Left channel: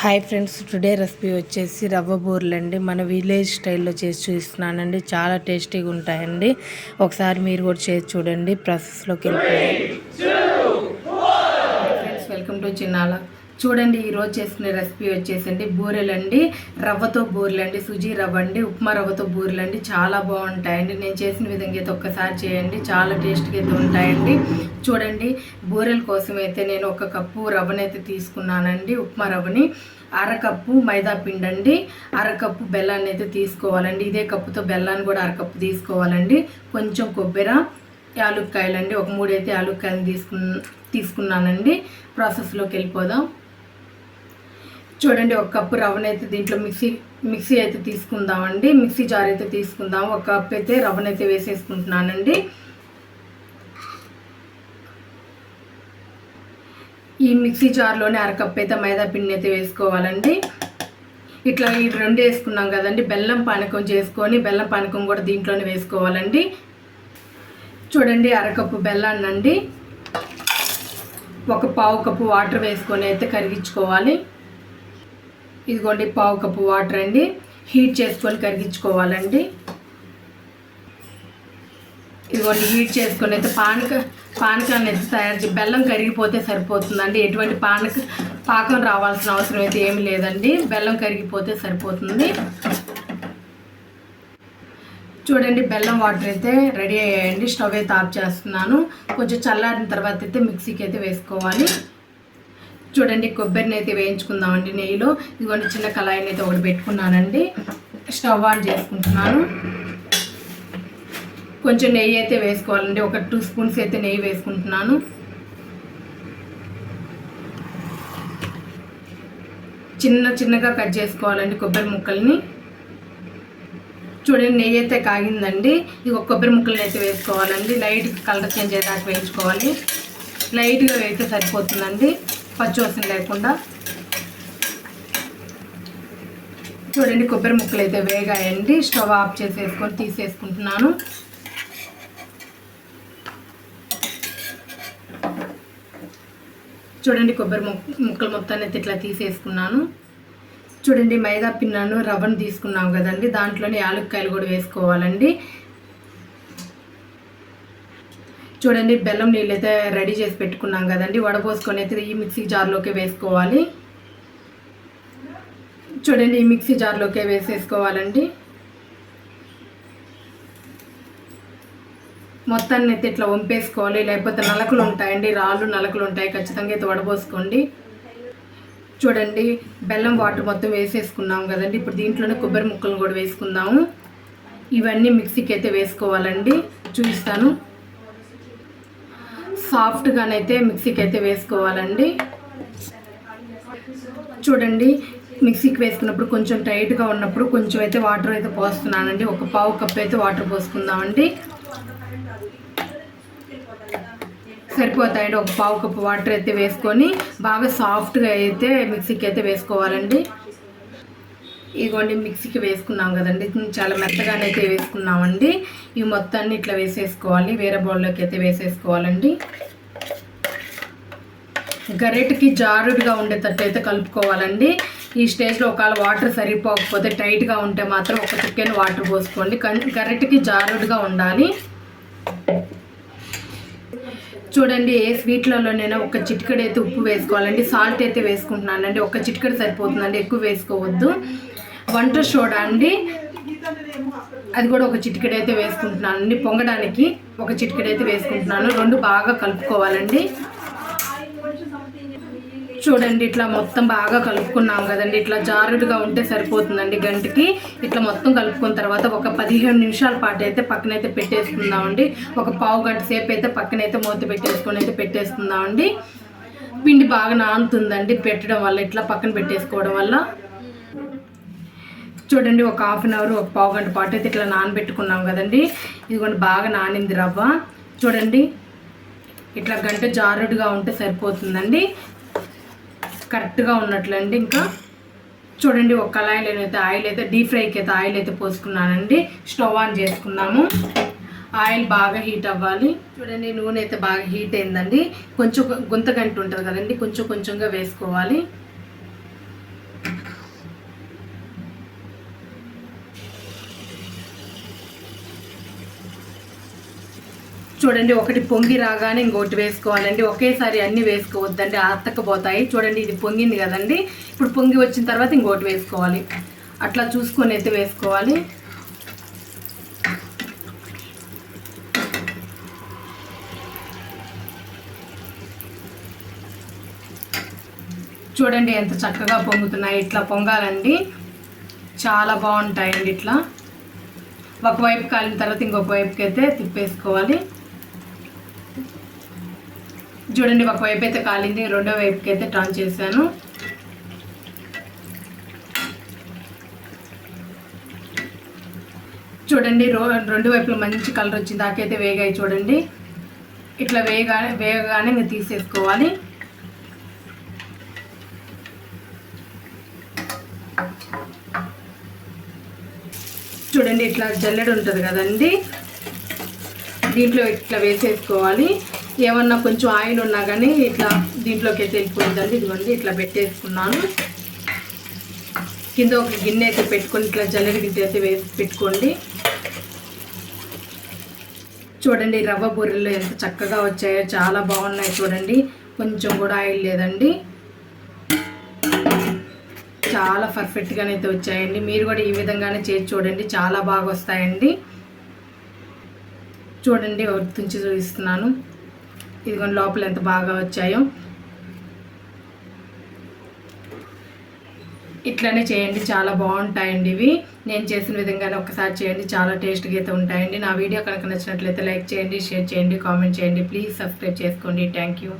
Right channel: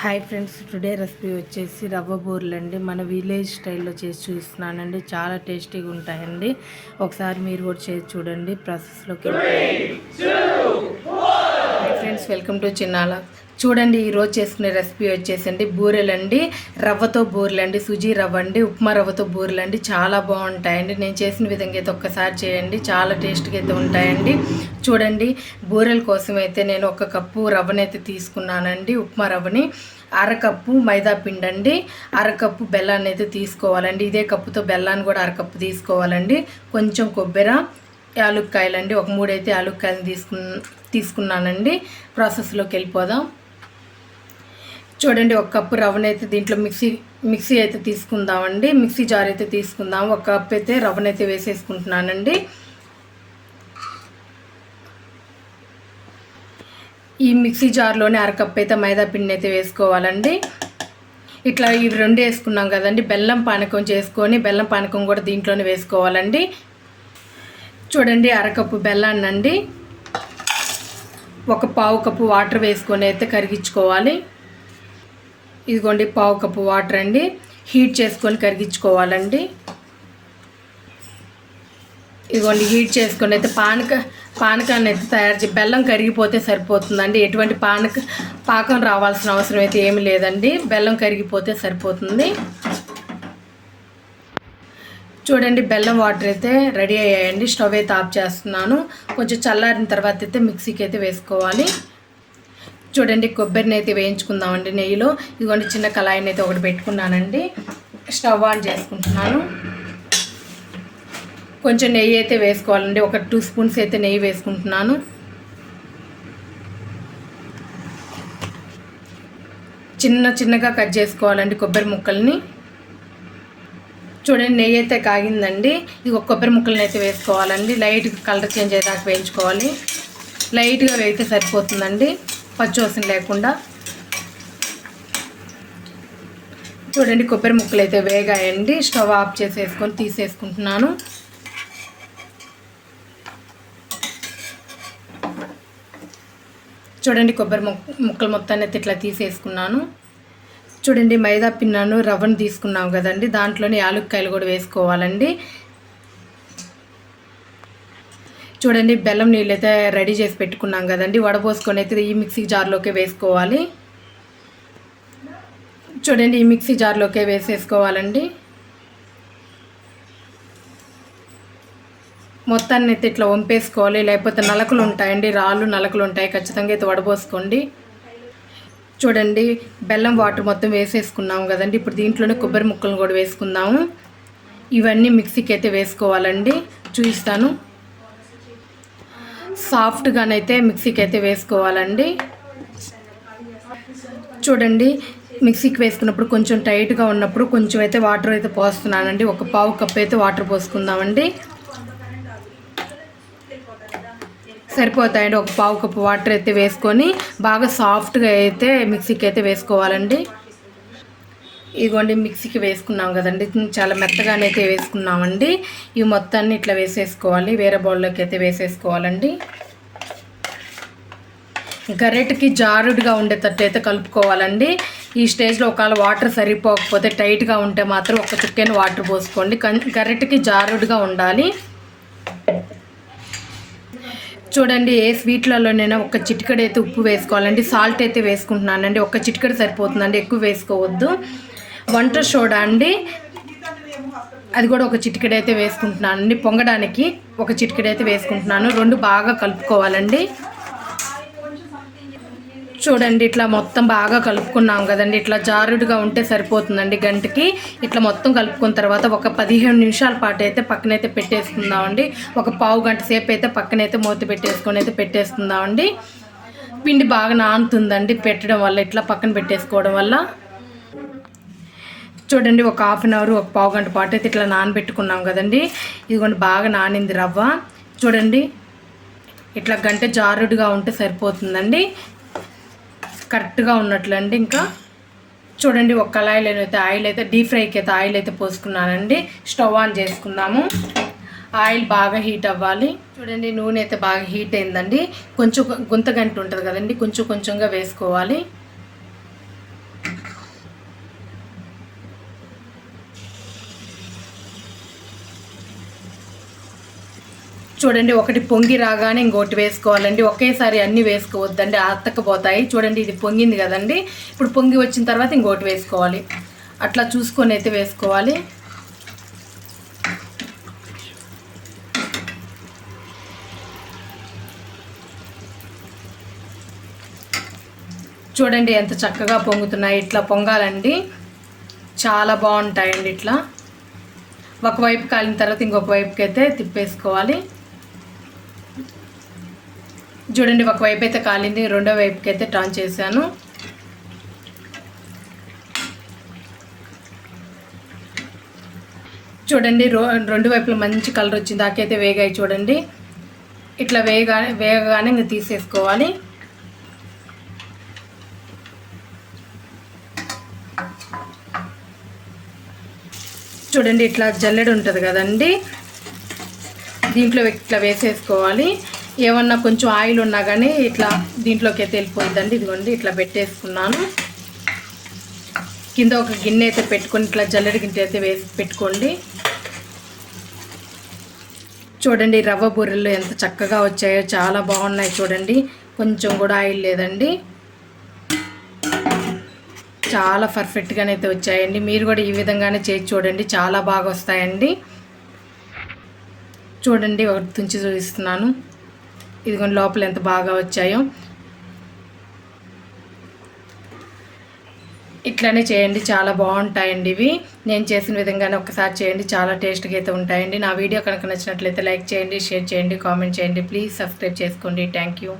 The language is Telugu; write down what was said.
హాయ్ ఫ్రెండ్స్ టుడే రెసిపీ వచ్చేసి రవ్వ బూర్లండి. మన విలేజ్ స్టైల్లో చేసి చూస్తున్నానండి చాలా టేస్టీగా ఉంటాయండి ఒకసారి మీరు కూడా చేసి చూడండి. ప్రాసెస్లోకి ఫ్రెండ్స్ వెల్కమ్ టు చిన్నాల చూడండి ఈరోజు చేసుకునే రెసిపీ వచ్చేసండి బూరెలండి రవ్వతో బూరెలండి సుజీ రవ్వ అండి ఉప్మా రవ్వతో బూరెలండి. చాలా బాగుంటాయండి. నేను చేసిన విధంగా అయితే ఒక్కసారి చేయండి. చాలా టేస్ట్గా అయితే ఉంటాయండి. చూడండి బూరెల కోసం అయితే నేను ఒక కప్పు రవ్వనైతే తీసుకున్నానండి. ఉప్మా రవ్వని అరకప్పు మైదా పిండి అండి అరకప్పు బెల్లాన్ని అయితే తీసుకోవాలండి. ఇదే కప్పుతో బెల్లాన్ని కూడా అరకప్పు తీసుకోవాలండి. కొంచెం కొబ్బరి యాలుక్కాయలండి. ఒక మూడైతే యాలుక్కాయలు తీసుకు తీసుకున్నానండి. ప్రాసెస్లోకి వెళ్ళిపోదాం. చూడండి ఒక కప్పు రవ్వనైతే దీంట్లో మిక్సీ మిక్సీ అయితే తీసుకుందామండి. మిక్సీ జార్ అయితే తీసుకుందాం. ఒక కప్ అయితే రవ్వనైతే వేసేసుకుంటున్నానండి. ఈ మిక్సీ జార్లోనే అరకప్పు అయితే మైదా పిండి అయితే వేసుకోవాలండి. ఇట్లా ఇవి రెండు వేసుకున్నాం కదండి. బెల్లం పానకం చేసుకొని బెల్లం పానకం కూడా దీంట్లోనే వేసుకోవాలండి. చూడండి అరకప్పు బెల్లాన్ని అండి. ఒక పావు కప్పు వాటర్ వేసుకొని అయితే కరిగించుకోవాలి. ఇదిగోండి పావు కప్పు వాటర్ అండి. హీట్ చేసుకొని కరిగించుకోవాలండి. ఇదిగోండి హీట్ చేసుకొని అయితే పానక పానకాన్ని అయితే తయారు చేసి బెల్లం కరిగిపోతే సరిపోతుందండి. ఎటువంటి పానక పాకం రావాల్సిన అవసరం అయితే ఏమి లేదండి. బెల్లం కరిగిపోతే సరిపోతుంది. చూడండి బెల్లం వాటర్ అయితే రెడీ అయ్యాయండి. స్టవ్ అయితే ఆఫ్ చేస్తున్నాను. కొంచెం చల్లారిన తర్వాత అయితే మిక్సీకి అయితే వేసుకోవాలి. చూడండి కొబ్బరిని అయితే వేయించుకుందామండి నెయ్యిలో. ఇదిగోండి చిన్న కళాయిని అయితే ఒకటి పెట్టుకున్నానండి. స్టవ్ ఆన్ చేసుకుంటున్నాను. కొంచెం నెయ్యి అయితే వేసుకోవాలండి. ఒక టూ స్పూన్స్ అయితే నెయ్యి వేసుకుంటున్నాను. చిన్న చిన్నగా కట్ చేసుకోవాలండి కొబ్బరి ముక్కల్ని. చూడండి నెయ్యి అయితే కాగిందండి. ఇది ఒక కొబ్బరి ముక్కలను అయితే వేసుకోవాలండి. లైట్ కలర్ చేంజ్ అయ్యేదాకా వేయించుకోవాలి. లైట్గా వేయితే సరిపోతుందండి. పచ్చివాసన లేకుండా. చూడండి కొబ్బరి ముక్కలు అయితే వేగాయండి. స్టవ్ ఆఫ్ చేసేసుకొని తీసేసుకుంటున్నాను. చూడండి కొబ్బరి ముక్కలు మొత్తాన్ని అయితే ఇట్లా తీసేసుకున్నాను. చూడండి మైదా పిన్నాను రవ్వను తీసుకున్నాం కదండి. దాంట్లోనే యాలుక్కాయలు కూడా వేసుకోవాలండి. చూడండి బెల్లం నీళ్ళు అయితే రెడీ చేసి పెట్టుకున్నాం కదండి. వడపోసుకొని అయితే ఈ మిక్సీ జార్లోకి వేసుకోవాలి. చూడండి ఈ మిక్సీ జార్లోకే వేసేసుకోవాలండి. మొత్తాన్ని అయితే ఇట్లా వంపేసుకోవాలి. లేకపోతే నలకలు ఉంటాయండి రాళ్ళు నలకలు ఉంటాయి. ఖచ్చితంగా అయితే వడపోసుకోండి చూడండి బెల్లం వాటర్ మొత్తం వేసేసుకున్నాం కదండి. ఇప్పుడు దీంట్లోనే కొబ్బరి ముక్కలు కూడా వేసుకుందాము. ఇవన్నీ మిక్సీకి అయితే వేసుకోవాలండి. చూపిస్తాను. సాఫ్ట్గానైతే మిక్సీకి అయితే వేసుకోవాలండి. చూడండి మిక్సీకి వేసుకున్నప్పుడు కొంచెం టైట్గా ఉన్నప్పుడు కొంచెం అయితే వాటర్ అయితే పోస్తున్నానండి. ఒక పావు కప్ అయితే వాటర్ పోసుకుందామండి. సరిపోతాయండి. ఒక పావు కప్పు వాటర్ అయితే వేసుకొని బాగా సాఫ్ట్గా అయితే మిక్సీకి అయితే వేసుకోవాలండి. ఇదిగోండి మిక్సీకి వేసుకున్నాం కదండి. చాలా మెత్తగానే అయితే వేసుకున్నామండి. ఈ మొత్తాన్ని ఇట్లా వేసేసుకోవాలి. వేరే బౌల్లోకి అయితే వేసేసుకోవాలండి. గరెట్కి జారుడుగా ఉండేటట్టు అయితే కలుపుకోవాలండి. ఈ స్టేజ్లో ఒకవేళ వాటర్ సరిపోకపోతే టైట్గా ఉంటే మాత్రం ఒక చుక్కని వాటర్ పోసుకోండి. గరెట్కి జారుడుగా ఉండాలి. చూడండి ఏ స్వీట్లలోనైనా ఒక చిటికడ అయితే ఉప్పు వేసుకోవాలండి సాల్ట్ అయితే వేసుకుంటున్నానండి ఒక చిటికడ సరిపోతుందండి ఎక్కువ వేసుకోవద్దు. వంట సోడా అండి అది కూడా ఒక చిటికెడ అయితే వేసుకుంటున్నాను అండి పొంగడానికి ఒక చిటికెడ అయితే వేసుకుంటున్నాను రెండు బాగా కలుపుకోవాలండి. చూడండి ఇట్లా మొత్తం బాగా కలుపుకున్నాం కదండి. ఇట్లా జారుడుగా ఉంటే సరిపోతుందండి గంటకి. ఇట్లా మొత్తం కలుపుకున్న తర్వాత ఒక పదిహేను నిమిషాల పాటు అయితే పక్కనైతే పెట్టేసుకుందామండి. ఒక పావు గంట సేపు అయితే పక్కనైతే మూత పెట్టేసుకొని అయితే పెట్టేసుకుందామండి. పిండి బాగా నానుతుందండి పెట్టడం వల్ల ఇట్లా పక్కన పెట్టేసుకోవడం వల్ల. చూడండి ఒక హాఫ్ అన్ అవర్ ఒక పావు గంట పాటు అయితే ఇట్లా నానబెట్టుకున్నాం కదండి. ఇదిగోండి బాగా నానింది రవ్వ. చూడండి ఇట్లా గంట జారుడుగా ఉంటే సరిపోతుందండి. కరెక్ట్గా ఉన్నట్లండి. ఇంకా చూడండి ఒక కళాయిలో అయితే ఆయిల్ అయితే డీప్ ఫ్రైకి అయితే ఆయిల్ అయితే పోసుకున్నానండి. స్టవ్ ఆన్ చేసుకున్నాము ఆయిల్ బాగా హీట్ అవ్వాలి. చూడండి నూనె అయితే బాగా హీట్ అయిందండి. కొంచెం గుంత గంట ఉంటుంది కదండి కొంచెం కొంచెంగా వేసుకోవాలి. చూడండి ఒకటి పొంగి రాగానే ఇంకోటి వేసుకోవాలండి. ఒకేసారి అన్ని వేసుకోవద్దండి అత్తకపోతాయి చూడండి ఇది పొంగింది కదండి. ఇప్పుడు పొంగి వచ్చిన తర్వాత ఇంకోటి వేసుకోవాలి. అట్లా చూసుకొని అయితే వేసుకోవాలి. చూడండి ఎంత చక్కగా పొంగుతున్నాయి. ఇట్లా పొంగాలండి. చాలా బాగుంటాయండి ఇట్లా. ఒకవైపు కాలిన తర్వాత ఇంకొక వైపుకి అయితే తిప్పేసుకోవాలి. చూడండి ఒకవైపు అయితే కాలింది రెండో వైపుకి అయితే టర్న్ చేశాను. చూడండి రో రెండు వైపులు మంచి కలర్ వచ్చింది దాకైతే వేగాయి చూడండి. ఇట్లా వేయగానే వేగగానే ఇంకా తీసేసుకోవాలి. చూడండి ఇట్లా జల్లెడు ఉంటుంది కదండి. దీంట్లో ఇట్లా వేసేసుకోవాలి. ఏమన్నా కొంచెం ఆయిల్ ఉన్నా కానీ ఇట్లా దీంట్లోకి అయితే వెళ్ళిపోయిందండి. ఇదిగోండి ఇట్లా పెట్టేసుకున్నాను. కింద ఒక గిన్నె అయితే పెట్టుకొని ఇట్లా జల్లెడ గిన్నె అయితే వేసి పెట్టుకోండి. చూడండి రవ్వ బొర్రెలు ఎంత చక్కగా వచ్చాయో చాలా బాగున్నాయి చూడండి. కొంచెం కూడా ఆయిల్ లేదండి. చాలా పర్ఫెక్ట్గానే అయితే వచ్చాయండి. మీరు కూడా ఈ విధంగానే చేసి చూడండి చాలా బాగా వస్తాయండి. చూడండి ఒక తుంచి చూపిస్తున్నాను. ఇదిగోండి లోపల ఎంత బాగా వచ్చాయో. ఇట్లానే చేయండి చాలా బాగుంటాయండి ఇవి. నేను చేసిన విధంగానే ఒకసారి చేయండి చాలా టేస్ట్గా అయితే ఉంటాయండి. నా వీడియో కనుక నచ్చినట్లయితే లైక్ చేయండి షేర్ చేయండి కామెంట్ చేయండి. ప్లీజ్ సబ్స్క్రైబ్ చేసుకోండి. Thank you.